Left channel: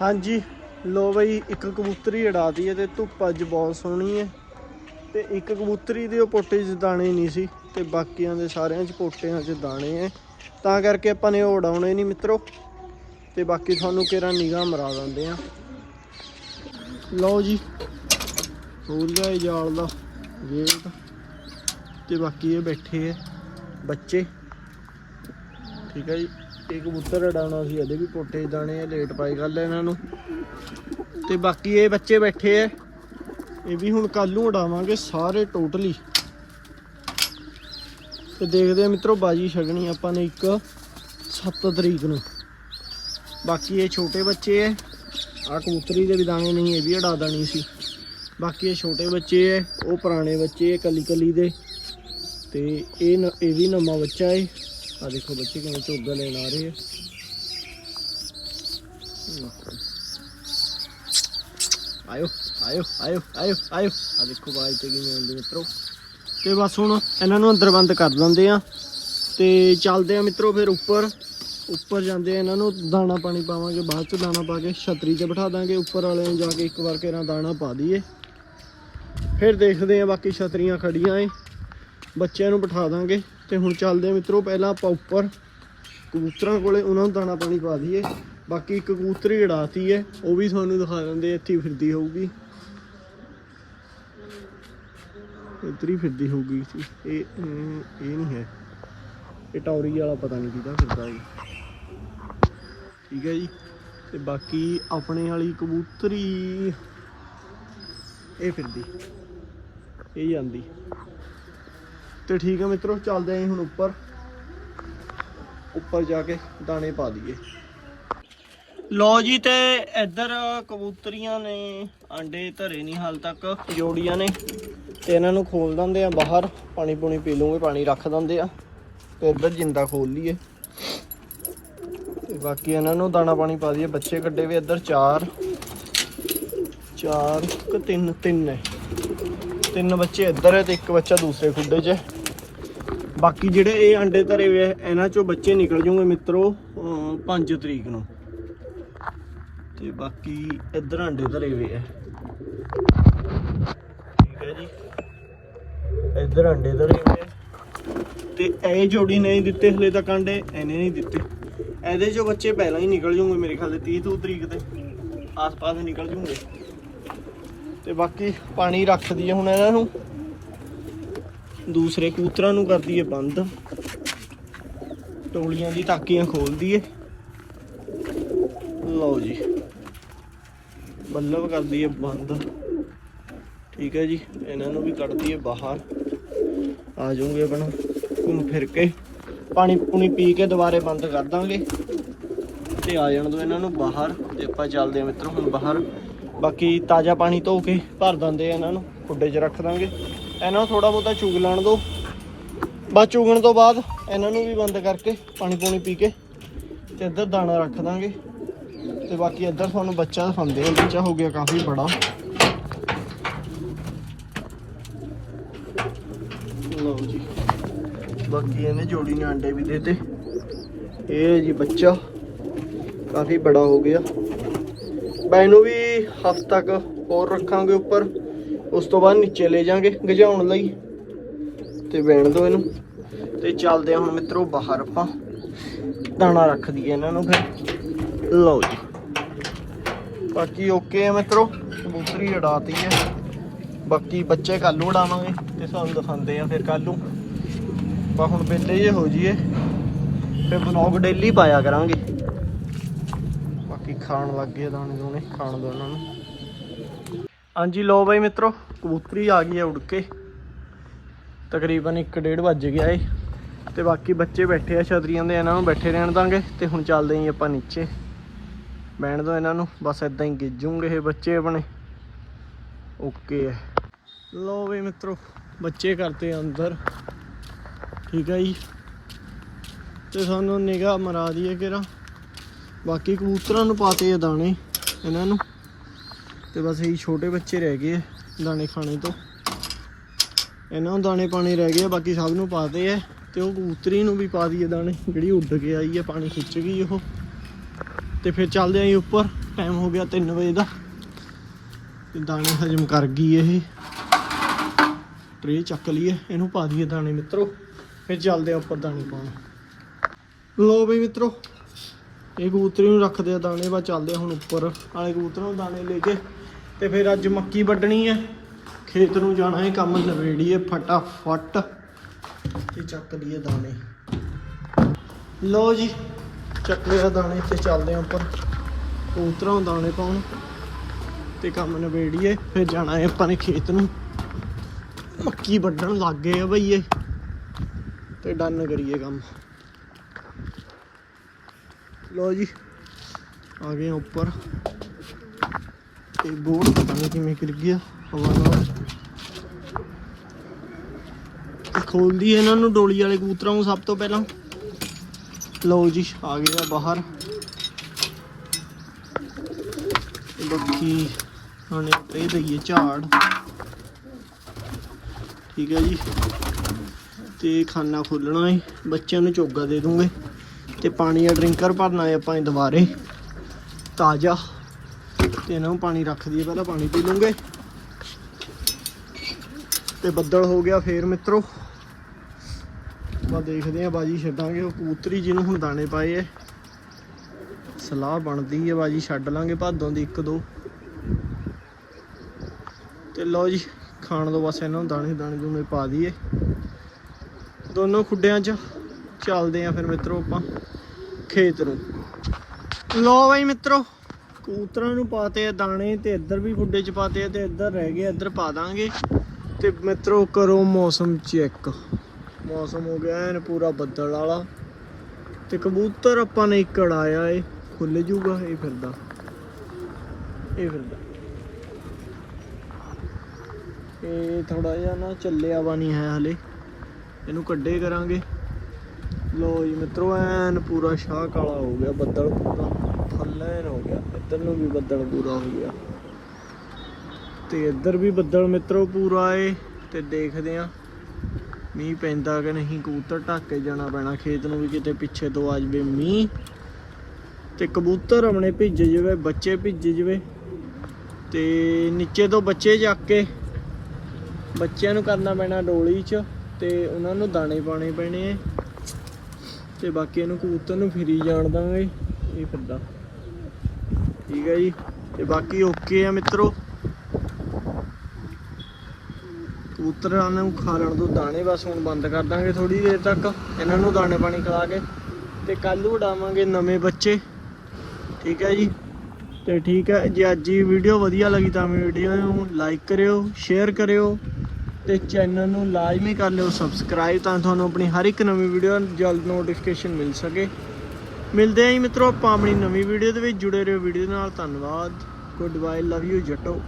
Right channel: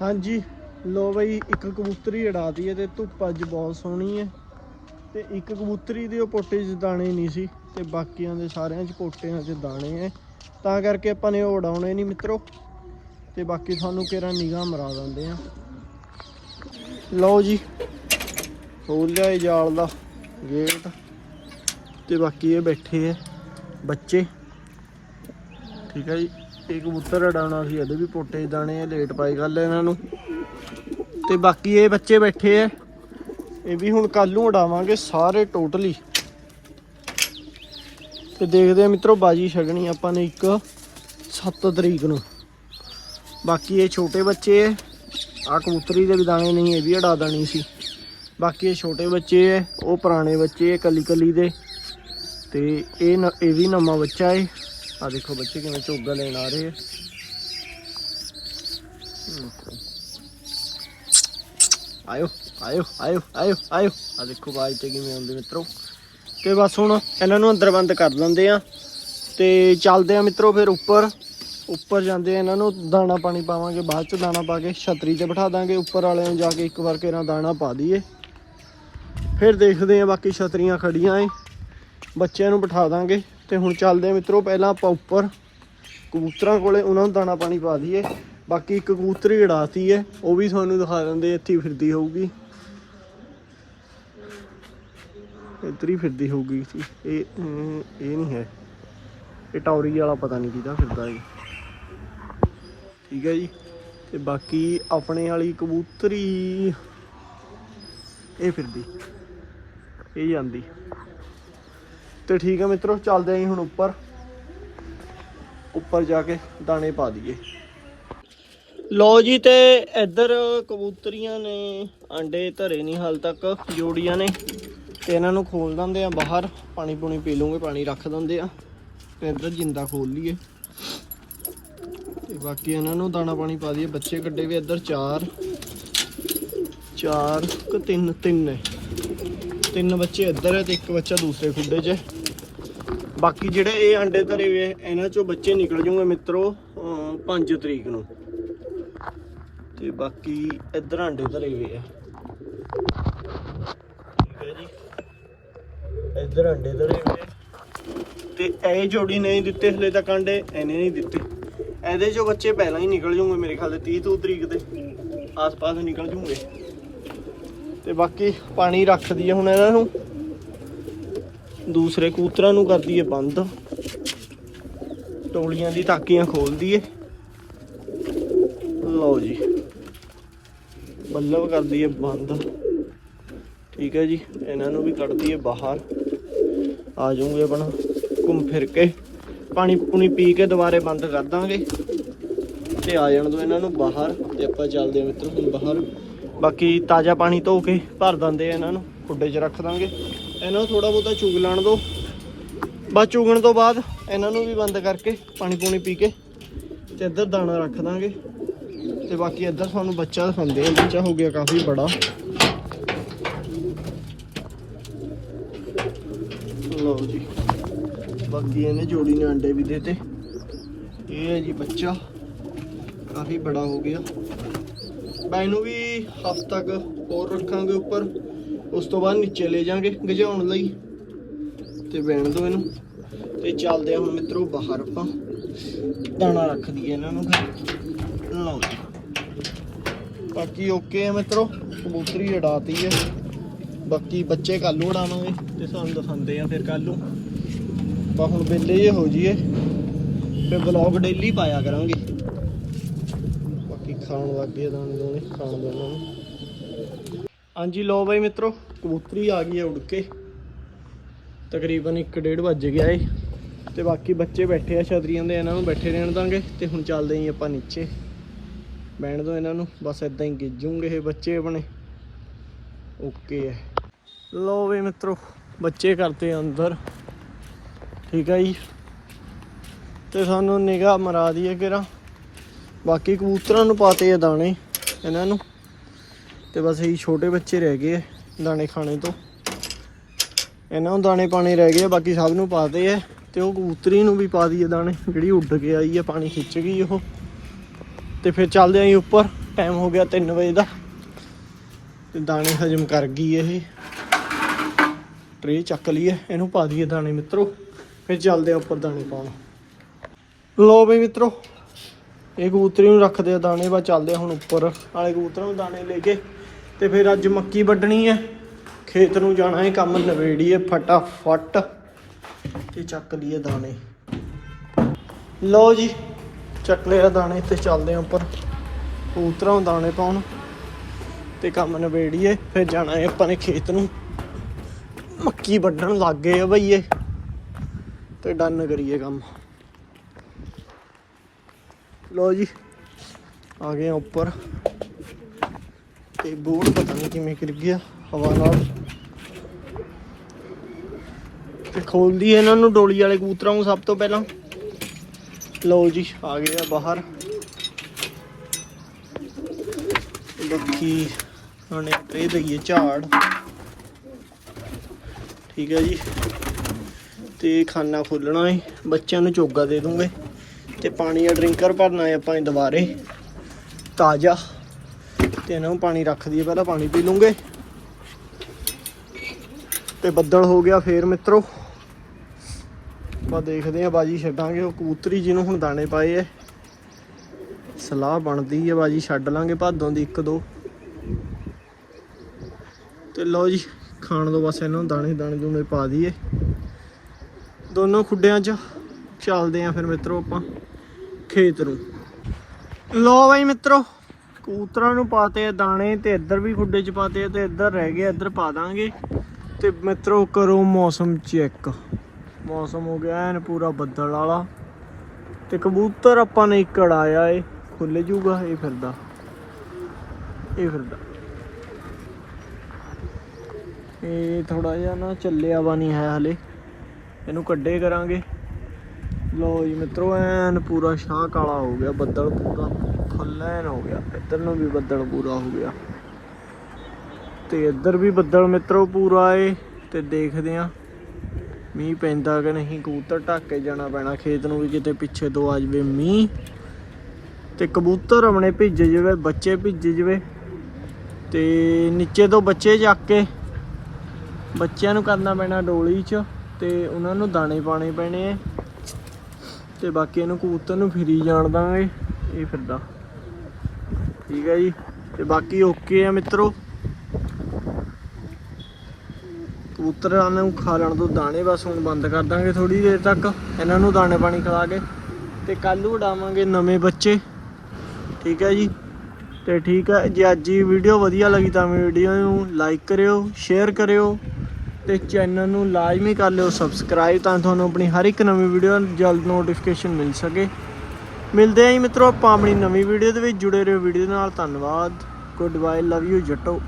ਹਾਂਜੀ। ਲੋ ਬਈ, ਇੱਕ ਕਬੂਤਰੀ ਉਡਾਤੀ ਹੈ ਤੇ ਧੁੱਪ ਅੱਜ ਬਹੁਤ ਸੋਹਣੀ ਹੈ। ਤੇ ਇੱਕ ਕਬੂਤਰੀ ਦੇ ਉਹ ਪੋਟੇ 'ਚ ਦਾਣੇ ਨਹੀਂ ਸੀ ਤੇ ਬਾਕੀਆਂ ਦੇ ਸਾਰਿਆਂ 'ਚ ਪੋਟਿਆਂ 'ਚ ਦਾਣੇ ਹੈ। ਤਾਂ ਕਰਕੇ ਆਪਾਂ ਨੇ ਉਹ ਉਡਾਉਣੇ ਨਹੀਂ ਮਿੱਤਰੋ। ਤੇ ਬਾਕੀ ਤੁਹਾਨੂੰ ਕਿਹੜਾ ਨਿਗਾਹ ਮਰਾ ਦਿੰਦੇ ਆ ਲਓ ਜੀ ਖੋਲ ਲਿਆ ਇਹ ਜਾਲ ਦਾ ਗੇਟ। ਤੇ ਬਾਕੀ ਇਹ ਬੈਠੇ ਐ ਬੱਚੇ। ਠੀਕ ਹੈ ਜੀ। ਇਹ ਕਬੂਤਰ ਉਡਾਉਣਾ ਸੀ, ਇਹਦੇ ਵੀ ਪੋਟੇ ਦਾਣੇ ਆ, ਲੇਟ ਪਾਈ ਗੱਲ ਇਹਨਾਂ ਨੂੰ। ਤੇ ਬਾਕੀ ਇਹ ਬੱਚੇ ਬੈਠੇ ਐ ਇਹ ਵੀ ਹੁਣ ਕੱਲ ਨੂੰ ਉਡਾਵਾਂਗੇ ਸਾਰੇ ਟੋਟਲੀ। ਤੇ ਦੇਖਦੇ ਆ ਮਿੱਤਰੋ, ਬਾਜੀ ਛਕਣੀ ਆਪਾਂ ਨੇ ਇੱਕ 7 ਤਰੀਕ ਨੂੰ। ਬਾਕੀ ਇਹ ਛੋਟੇ ਬੱਚੇ ਐ ਆ ਕਬੂਤਰੀ ਦੇ ਵੀ ਦਾਣੇ ਨਹੀਂ, ਇਹ ਵੀ ਉਡਾ ਦੇਣੀ ਸੀ। ਬਾਕੀ ਇਹ ਛੋਟੇ ਬੱਚੇ ਐ ਉਹ ਪੁਰਾਣੇ ਬੱਚੇ ਐ ਕਲੀ ਕਲੀ ਦੇ। ਤੇ ਇਹ ਨ- ਇਹ ਵੀ ਨਵਾਂ ਬੱਚਾ ਹੈ ਆ ਦੇਖੋ ਬੱਚੇ ਕਿਵੇਂ ਝੋਗਾ ਲੈਣ ਆ ਰਹੇ ਐ ਆਇਓ ਆਇਓ ਆਇਓ ਆਇਓ ਆਇਓ। ਆ ਦੇਖੋ ਬਾਜ ਤੇ ਕਿਵੇਂ ਆਉਂਦੇ ਮਿੱਤਰੋ। ਤੇ ਬਸ ਹੁਣ ਇਹਨਾਂ ਨੂੰ ਅੰਦਰ ਬੰਦ ਕਰ ਦਿੰਦੇ ਆ। ਤੇ ਚੱਲਦੇ ਆ ਮਿੱਤਰੋ ਫਿਰ ਉੱਪਰ। ਉੱਪਰ ਜਾਂਦੇ ਆ ਇਹਨਾਂ ਨੂੰ, ਦਾਣਾ ਪਾਣੀ ਪਾਵਾਂਗੇ, ਬਾਅਦ ਚ ਦਾਣਾ ਪਾ ਕੇ ਛਤਰੀ ਤੇ ਬਿਠਾ ਦਾਂਗੇ। ਉੱਪਰ ਵਾਲਿਆਂ ਨੂੰ ਜਾ ਕੇ ਇੱਕ ਵਾਰ ਘੇਰਾ ਦਾਣਾ ਪਾ ਦਈਏ। ਫਿਰ ਦੇਖਦੇ ਆ ਬਾਕੀ ਛਤਰੀਆਂ ਖੜੀਆਂ ਏ। ਬੱਚਿਆਂ ਨੂੰ ਬਿਠਾ ਦਾਂਗੇ। ਤੇ ਹੁਣ ਚੱਲਦੇ ਆ ਮਿੱਤਰੋ, ਪਹਿਲਾਂ ਆਪਾਂ ਉੱਪਰ ਕਬੂਤਰਾਂ ਕੋਲੇ ਉਹਨਾਂ ਨੂੰ ਦਾਣਾ ਪਾਣੀ ਪਾ ਦਈਏ। ਬਾਕੀ ਇੱਕ ਕਬੂਤਰੀ ਉਡਾਤੀ ਹੈ ਉਹ ਵੀ ਤੁਹਾਨੂੰ ਦਿਖਾ ਦਿੰਦੇ, ਇੱਥੇ ਫਿਰਦੀ ਹੋਊਗੀ। ਇੱਧਰ ਫਿਰਦੀ ਹੋਊਗੀ ਇਹ ਇਹ ਨਹੀਂ ਹੈ। ਇਹ ਟੌਰੀ ਵਾਲਾ ਪਤਾ ਨਹੀਂ ਕਿਹਦਾ ਫਿਰਦਾ ਜੀ ਠੀਕ ਹੈ ਜੀ। ਤੇ ਬਾਕੀ ਆਪਣੇ ਵਾਲੀ ਕਬੂਤਰੀ, ਇਹ ਫਿਰਦੀ। ਇਹ ਜਾਂਦੀ। ਤੇ ਠੀਕ ਹੈ ਮਿੱਤਰੋ, ਚੱਲਦੇ ਆਂ ਜੀ ਹੁਣ ਉੱਪਰ। ਉੱਪਰ ਜਾ ਕੇ ਦਾਣੇ ਪਾ ਦਈਏ। ਲਓ ਜੀ ਤੇ ਇੱਧਰ ਕਬੂਤਰੀਆਂ ਨੇ ਆਂਡੇ ਧਰੇ ਨਹੀਂ ਹਾਲ ਤੱਕ, ਜੋੜੀਆਂ ਨੇ। ਤੇ ਇਹਨਾਂ ਨੂੰ ਖੋਲ ਦਿੰਦੇ ਆ ਬਾਹਰ। ਪਾਣੀ ਪੂਣੀ ਪੀ ਲੂਗੇ, ਪਾਣੀ ਰੱਖ ਦਿੰਦੇ ਆ ਤੇ ਇੱਧਰ ਜਿੰਦਾ ਖੋਲ ਲਈਏ। ਤੇ ਬਾਕੀ ਇਹਨਾਂ ਨੂੰ ਦਾਣਾ ਪਾਣੀ ਪਾ ਦਈਏ। ਬੱਚੇ ਕੱਢੇ ਵੀ ਇੱਧਰ ਚਾਰ। ਚਾਰ ਕਿ ਤਿੰਨ? ਤਿੰਨ ਨੇ। ਤਿੰਨ ਬੱਚੇ ਇੱਧਰ ਹੈ ਤੇ ਇੱਕ ਬੱਚਾ ਦੂਸਰੇ ਖੁੱਡੇ 'ਚ ਬਾਕੀ ਜਿਹੜੇ ਇਹ ਅੰਡੇ ਧਰੇ ਹੋਏ ਆ, ਇਹਨਾਂ ਚੋਂ ਬੱਚੇ ਨਿਕਲ ਜੂਗੇ ਮਿੱਤਰੋ 5 ਤਰੀਕ ਨੂੰ। ਤੇ ਬਾਕੀ ਇੱਧਰ ਅੰਡੇ ਧਰੇ ਹੋਏ ਹੈ ਠੀਕ ਹੈ ਜੀ। ਇੱਧਰ ਅੰਡੇ ਧਰੇ ਹੋਏ ਤੇ ਇਹ ਜੋੜੀ ਨੇ ਦਿੱਤੇ ਹਲੇ ਤੱਕ ਅੰਡੇ, ਇਹਨੇ ਨਹੀਂ ਦਿੱਤੇ। ਇਹਦੇ ਚੋਂ ਬੱਚੇ ਪਹਿਲਾਂ ਹੀ ਨਿਕਲ ਜੂਗੇ ਮੇਰੇ ਖਿਆਲ 30 ਤੋਂ ਤਰੀਕ ਦੇ। ਆਸ-ਪਾਸ ਹੀ ਨਿਕਲ ਜੂਗੇ। ਤੇ ਬਾਕੀ ਪਾਣੀ ਰੱਖਦੀ ਹੈ ਹੁਣ ਇਹਨਾਂ ਨੂੰ। ਦੂਸਰੇ ਕੂਤਰਾਂ ਨੂੰ ਕਰ ਦਈਏ ਬੰਦ। ਟੋਲੀਆਂ ਦੀ ਤਾਕੀਆਂ ਖੋਲ ਦਈਏ। ਲਓ ਜੀ। ਬੱਲਬ ਕਰ ਦਈਏ ਬੰਦ। ਠੀਕ ਹੈ ਜੀ, ਇਹਨਾਂ ਨੂੰ ਵੀ ਕੱਢ ਦਈਏ ਬਾਹਰ। ਆ ਜਾਊਂਗੇ ਆਪਾਂ ਘੁੰਮ ਫਿਰ ਕੇ। ਪਾਣੀ ਪੂਣੀ ਪੀ ਕੇ ਦੁਬਾਰੇ ਬੰਦ ਕਰ ਦਾਂਗੇ। ਤੇ ਆ ਜਾਣ ਦੋ ਇਹਨਾਂ ਨੂੰ ਬਾਹਰ। ਤੇ ਆਪਾਂ ਚੱਲਦੇ ਆ ਮਿੱਤਰ ਹੁਣ ਬਾਹਰ। ਬਾਕੀ ਤਾਜ਼ਾ ਪਾਣੀ ਧੋ ਕੇ ਭਰ ਦਿੰਦੇ ਆ ਇਹਨਾਂ ਨੂੰ, ਖੁੱਡੇ 'ਚ ਰੱਖ ਦਾਂਗੇ। ਇਹਨਾਂ ਨੂੰ ਥੋੜਾ ਬਹੁਤਾ ਚੁਗ ਲੈਣ ਦੋ ਬਸ ਚੁਗਣ ਤੋਂ ਬਾਅਦ ਇਹਨਾਂ ਨੂੰ ਵੀ ਬੰਦ ਕਰਕੇ ਪਾਣੀ ਪੂਣੀ ਪੀ ਕੇ ਤੇ ਇੱਧਰ ਦਾਣਾ ਰੱਖ ਦਾਂਗੇ। ਤੇ ਬਾਕੀ ਇੱਧਰ ਤੁਹਾਨੂੰ ਬੱਚਾ ਦਿਖਾਉਂਦੇ ਆ, ਬੱਚਾ ਹੋ ਗਿਆ ਕਾਫੀ ਬੜਾ। ਲਓ ਜੀ, ਬਾਕੀ ਇਹਨੇ ਜੋੜੀ ਨੇ ਅੰਡੇ ਵੀ ਦੇ ਤੇ ਇਹ ਜੀ ਬੱਚਾ ਕਾਫੀ ਬੜਾ ਹੋ ਗਿਆ। ਬੈ ਨੂੰ ਵੀ ਹਫ਼ਤਾ ਤੱਕ ਹੋਰ ਰੱਖਾਂਗੇ ਉੱਪਰ। ਉਸ ਤੋਂ ਬਾਅਦ ਨੀਚੇ ਲੈ ਜਾਾਂਗੇ ਗਜਾਉਣ ਲਈ। ਤੇ ਬੈਣ ਦੋ ਇਹਨੂੰ। ਤੇ ਚੱਲਦੇ ਹਾਂ ਹੁਣ ਮਿੱਤਰੋ ਬਾਹਰ ਆਪਾਂ। ਦਾਣਾ ਰੱਖ ਦਈਏ ਇਹਨਾਂ ਨੂੰ ਫਿਰ। ਲਓ ਜੀ। ਬਾਕੀ ਓਕੇ ਹੈ ਮਿੱਤਰੋ। ਕਬੂਤਰੀ ਉਡਾਤੀ ਹੈ ਬਾਕੀ ਬੱਚੇ ਕੱਲ ਨੂੰ ਉਡਾਵਾਂਗੇ ਤੇ ਸਾਨੂੰ ਦਿਖਾਉਂਦੇ ਆ ਫਿਰ ਕੱਲ ਨੂੰ। ਬਾ ਹੁਣ ਵਿਹਲੇ ਜੇ ਹੋ ਜੀਏ ਫਿਰ ਵਲੌਗ ਡੇਲੀ ਪਾਇਆ ਕਰਾਂਗੇ। ਬਾਕੀ ਖਾਣ ਲੱਗ ਗਏ ਦਾਣੇ ਦੋਨੇ ਖਾਣ ਦੋ ਇਹਨਾਂ ਨੂੰ। ਹਾਂਜੀ ਲੋ ਬਈ ਮਿੱਤਰੋ, ਕਬੂਤਰੀ ਆ ਗਈ ਹੈ ਉੜ ਕੇ। ਤਕਰੀਬਨ 1:30 ਵੱਜ ਗਿਆ ਏ। ਤੇ ਬਾਕੀ ਬੱਚੇ ਬੈਠੇ ਆ ਛਤਰੀਆਂ ਦੇ, ਇਹਨਾਂ ਨੂੰ ਬੈਠੇ ਰਹਿਣ ਦਾਂਗੇ। ਤੇ ਹੁਣ ਚੱਲਦੇ ਆਂ ਆਪਾਂ ਨੀਚੇ। ਬੈਣ ਦੋ ਇਹਨਾਂ ਨੂੰ, ਬਸ ਇਦਾਂ ਹੀ ਗਿੱਜੂਗੇ ਇਹ ਬੱਚੇ ਆਪਣੇ। ਓਕੇ ਹੈ ਲੋ ਵੀ ਮਿੱਤਰੋ, ਬੱਚੇ ਕਰਤੇ ਅੰਦਰ। ਠੀਕ ਹੈ ਜੀ। ਤੇ ਸਾਨੂੰ ਨਿਗਾਹ ਮਰਾ ਦਈਏ ਕਿਰਾ ਬਾਕੀ ਕਬੂਤਰਾਂ ਨੂੰ ਪਾਤੇ ਆ ਦਾਣੇ, ਇਹਨਾਂ ਨੂੰ। ਤੇ ਬਸ ਇਹੀ ਛੋਟੇ ਬੱਚੇ ਰਹਿ ਗਏ ਆ ਦਾਣੇ ਖਾਣੇ ਤੋਂ। ਇਹਨਾਂ ਨੂੰ ਦਾਣੇ ਪਾਣੇ ਰਹਿ ਗਏ ਬਾਕੀ ਸਭ ਨੂੰ ਪਾਤੇ ਆ ਤੇ ਉਹ ਕਬੂਤਰੀ ਨੂੰ ਵੀ ਪਾ ਦਈਏ ਦਾਣੇ, ਜਿਹੜੀ ਉੱਡ ਕੇ ਆਈ ਆ, ਪਾਣੀ ਖਿੱਚ ਗਈ ਉਹ। ਤੇ ਫਿਰ ਚੱਲਦੇ ਆਂ ਉੱਪਰ ਟਾਈਮ ਹੋ ਗਿਆ 3 ਵਜੇ ਦਾ। ਤੇ ਦਾਣੇ ਹਜਮ ਕਰ ਗਈ ਇਹ। ਟਰੇ ਚੱਕ ਲਈਏ, ਇਹਨੂੰ ਪਾ ਦਈਏ ਦਾਣੇ ਮਿੱਤਰੋ। ਫਿਰ ਚੱਲਦੇ ਆਂ ਉੱਪਰ ਦਾਣੇ ਪਾਉਣ। ਲੋ ਬਈ ਮਿੱਤਰੋ, ਇਹ ਕਬੂਤਰੀ ਨੂੰ ਰੱਖਦੇ ਆ ਦਾਣੇ ਬਾ ਚੱਲਦੇ ਆ ਹੁਣ ਉੱਪਰ। ਵਾਲੇ ਕਬੂਤਰਾਂ ਨੂੰ ਦਾਣੇ ਲੈ ਕੇ ਤੇ ਫਿਰ ਅੱਜ ਮੱਕੀ ਵੱਢਣੀ ਹੈ। ਖੇਤ ਨੂੰ ਜਾਣਾ ਹੈ ਕੰਮ, ਨਵੇੜੀਏ ਫਟਾਫਟ। ਤੇ ਚੱਕ ਲਈਏ ਦਾਣੇ। ਲੋ ਜੀ, ਚੱਕ ਲਿਆ ਦਾਣੇ ਤੇ ਚੱਲਦੇ ਆ ਉੱਪਰ। ਕਬੂਤਰਾਂ ਦਾਣੇ ਪਾਉਣ ਤੇ ਕੰਮ ਨਵੇੜੀਏ, ਫਿਰ ਜਾਣਾ ਹੈ ਆਪਾਂ ਨੇ ਖੇਤ ਨੂੰ। ਮੱਕੀ ਵੱਢਣ ਲੱਗ ਗਏ ਆ ਬਈਏ, ਤੇ ਡਨ ਕਰੀਏ ਕੰਮ। ਲੋ ਜੀ, ਆ ਗਏ ਉੱਪਰ। ਤੇ ਬੋਰਡ ਪਤਾ ਨਹੀਂ ਕਿਵੇਂ ਗਿਰ ਗਿਆ, ਹਵਾ ਨਾਲ। ਤੇ ਖੋਲਦੀ ਇਹਨਾਂ ਨੂੰ, ਡੋਲੀ ਵਾਲੇ ਕਬੂਤਰਾਂ ਨੂੰ ਸਭ ਤੋਂ ਪਹਿਲਾਂ। ਲਓ ਜੀ, ਆ ਗਏ ਆ ਬਾਹਰ। ਬਾਕੀ ਹੁਣ ਇਹ ਦਈਏ, ਝਾੜ। ਠੀਕ ਹੈ ਜੀ। ਤੇ ਖਾਨਾ ਖੋਲਣਾ ਹੈ ਬੱਚਿਆਂ ਨੂੰ ਚੋਗਾ ਦੇ ਦੂੰਗੇ। ਤੇ ਪਾਣੀ ਦਾ ਡਰਿੰਕਰ ਭਰਨਾ ਹੈ ਆਪਾਂ ਦੁਬਾਰੇ। ਤਾਜ਼ਾ। ਤੇ ਇਹਨਾਂ ਨੂੰ ਪਾਣੀ ਰੱਖ ਦਈਏ, ਪਹਿਲਾਂ ਪਾਣੀ ਪੀ ਲੂੰਗੇ। ਤੇ ਬੱਦਲ ਹੋ ਗਿਆ ਫੇਰ ਮਿੱਤਰੋ। ਆਪਾਂ ਦੇਖਦੇ ਆ ਬਾਜੀ ਛੱਡਾਂਗੇ, ਉਹ ਕਬੂਤਰੀ ਜਿਹਨੂੰ ਹੁਣ ਦਾਣੇ ਪਾਏ ਐ। ਸਲਾਹ ਬਣਦੀ ਹੈ ਬਾਜੀ, ਛੱਡ ਲਾਂਗੇ ਭਾਦੋਂ ਦੀ ਇੱਕ ਦੋ। ਤੇ ਲਓ ਜੀ, ਖਾਣ ਤੋਂ ਬਸ ਇਹਨਾਂ ਨੂੰ ਦਾਣੇ ਦਾਣੇ ਦੂਣੇ ਪਾ ਦਈਏ। ਦੋਨੋਂ ਖੁੱਡਿਆਂ 'ਚ ਚੱਲਦੇ ਆ ਫਿਰ ਮਿੱਤਰੋ ਆਪਾਂ ਖੇਤ ਨੂੰ। ਲੋ ਬਾਈ ਮਿੱਤਰੋ ਕਬੂਤਰਾਂ ਨੂੰ ਪਾਤੇ ਆ, ਦਾਣੇ ਤੇ ਇੱਧਰ ਵੀ ਗੁੱਡੇ 'ਚ ਪਾਤੇ ਆ ਤੇ ਇੱਧਰ ਰਹਿ ਗਏ, ਇੱਧਰ ਪਾ ਦਾਂਗੇ। ਤੇ ਮਿੱਤਰੋ, ਕਰੋ ਮੌਸਮ ਚੈੱਕ। ਮੌਸਮ ਹੋ ਗਿਆ ਐਨ ਪੂਰਾ ਬੱਦਲ ਵਾਲਾ। ਤੇ ਕਬੂਤਰ ਆਪਾਂ ਨੇ ਇੱਕ ਅੜਾਇਆ ਏ, ਖੁੱਲ ਜੂਗਾ, ਇਹ ਫਿਰਦਾ। ਇਹ ਫਿਰਦਾ। ਇਹ ਥੋੜਾ ਜਿਹਾ ਨਾ ਚੱਲਿਆ ਵਾ ਨਹੀਂ ਹੈ ਹਲੇ। ਇਹਨੂੰ ਕੱਢੇ ਕਰਾਂਗੇ। ਲੋ ਜੀ ਮਿੱਤਰੋ, ਐਨ ਪੂਰਾ ਸ਼ਾਹ ਕਾਲਾ ਹੋ ਗਿਆ, ਬੱਦਲ ਪੂਰਾ। ਫੱਲੈਨ ਹੋ ਗਿਆ। ਇੱਧਰ ਨੂੰ ਵੀ ਬੱਦਲ ਪੂਰਾ ਹੋ ਗਿਆ। ਤੇ ਇੱਧਰ ਵੀ ਬੱਦਲ ਮਿੱਤਰੋ ਪੂਰਾ ਏ, ਤੇ ਦੇਖਦੇ ਆ ਮੀਂਹ ਪੈਂਦਾ ਕਿ ਨਹੀਂ। ਕਬੂਤਰ ਢੱਕ ਕੇ ਜਾਣਾ ਪੈਣਾ, ਖੇਤ ਨੂੰ ਵੀ ਕਿਤੇ ਪਿੱਛੇ ਤੋਂ ਆ ਜਵੇ ਮੀਂਹ। ਤੇ ਕਬੂਤਰ ਆਪਣੇ ਭਿੱਜ ਜਵੇ, ਬੱਚੇ ਭਿੱਜ ਜਵੇ। ਤੇ ਨੀਚੇ ਤੋਂ ਬੱਚੇ ਚੱਕ ਕੇ ਬੱਚਿਆਂ ਨੂੰ ਕਰਨਾ ਪੈਣਾ ਡੋਲੀ 'ਚ, ਤੇ ਉਹਨਾਂ ਨੂੰ ਦਾਣੇ ਪਾਣੇ ਪੈਣੇ ਐ ਤੇ ਬਾਕੀ ਇਹਨੂੰ ਕਬੂਤਰ ਨੂੰ ਫਿਰੀ ਜਾਣ ਦਾਂਗੇ। ਇਹ ਫਿਰਦਾ। ਠੀਕ ਹੈ ਜੀ। ਤੇ ਬਾਕੀ ਓਕੇ ਆ ਮਿੱਤਰੋ। ਕਬੂਤਰਾਂ ਨੂੰ ਖਾ ਲੈਣ ਤੋਂ ਦਾਣੇ ਬਸ ਹੁਣ ਬੰਦ ਕਰ ਦਾਂਗੇ ਥੋੜੀ ਦੇਰ ਤੱਕ। ਇਹਨਾਂ ਨੂੰ ਦਾਣੇ ਪਾਣੀ ਖਿਲਾ ਕੇ ਤੇ ਕੱਲ ਨੂੰ ਉਡਾਵਾਂਗੇ ਨਵੇਂ ਬੱਚੇ। ਠੀਕ ਹੈ ਜੀ। ਤੇ ਠੀਕ ਹੈ ਜੇ ਅੱਜ ਦੀ ਵੀਡੀਓ ਵਧੀਆ ਲੱਗੀ ਤਾਂ ਵੀਡੀਓ ਨੂੰ ਲਾਈਕ ਕਰਿਓ ਸ਼ੇਅਰ ਕਰਿਓ ਤੇ ਚੈਨਲ ਨੂੰ ਲਾਜ਼ਮੀ ਕਰ ਲਿਓ। ਸਬਸਕ੍ਰਾਈਬ ਤਾਂ ਤੁਹਾਨੂੰ ਆਪਣੀ ਹਰ ਇੱਕ ਨਵੀਂ ਵੀਡੀਓ ਜਲਦ ਨੋਟੀਫਿਕੇਸ਼ਨ ਮਿਲ ਸਕੇ। ਮਿਲਦੇ ਆਂ ਜੀ ਮਿੱਤਰੋ, ਆਪਾਂ ਆਪਣੀ ਨਵੀਂ ਵੀਡੀਓ ਦੇ ਵਿੱਚ ਜੁੜੇ ਰਹੋ। ਵੀਡੀਓ ਨਾਲ ਧੰਨਵਾਦ। Good bye love you ਜੱਟੋ।